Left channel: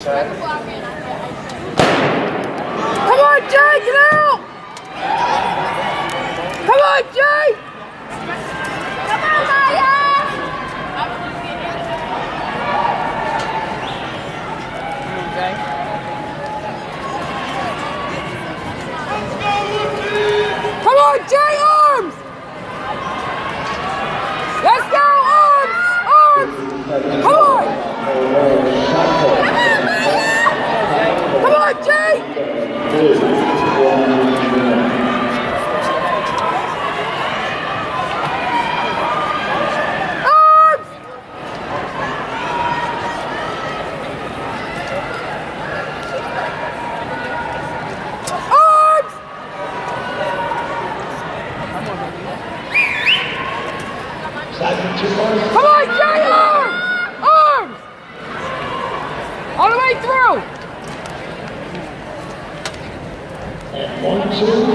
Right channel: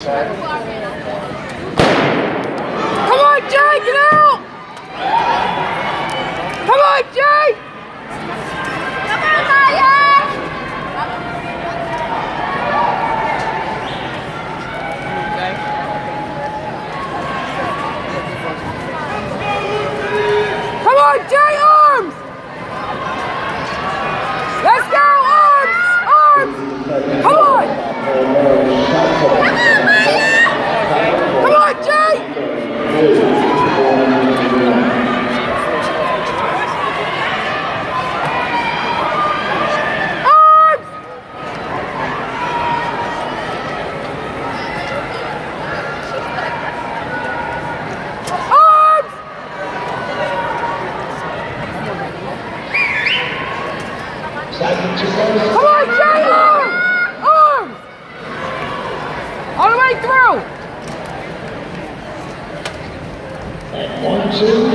Come on, Jay, get out! Come on, Jay! Come on, Jay, arms! Let's go, arms! Arms! Come on! Come on, Jay! Arms! Arms! Come on, Jay! Arms! Arms! All the way through! And 1, 2.